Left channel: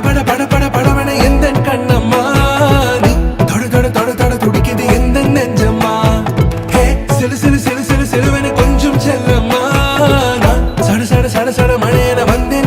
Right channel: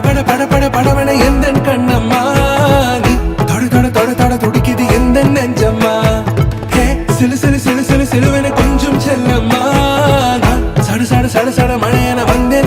பட பட பட படவன எந்த கண்ணம்மா நீ தொட தொட தொட தொட துடிக்குது எந்த நெஞ்சம்மா ஹே சிலு சிலு சிலு சிலு சிலுவன கொஞ்சம் செல்லம்மா நான் சட சட சட சட மழையன வந்தே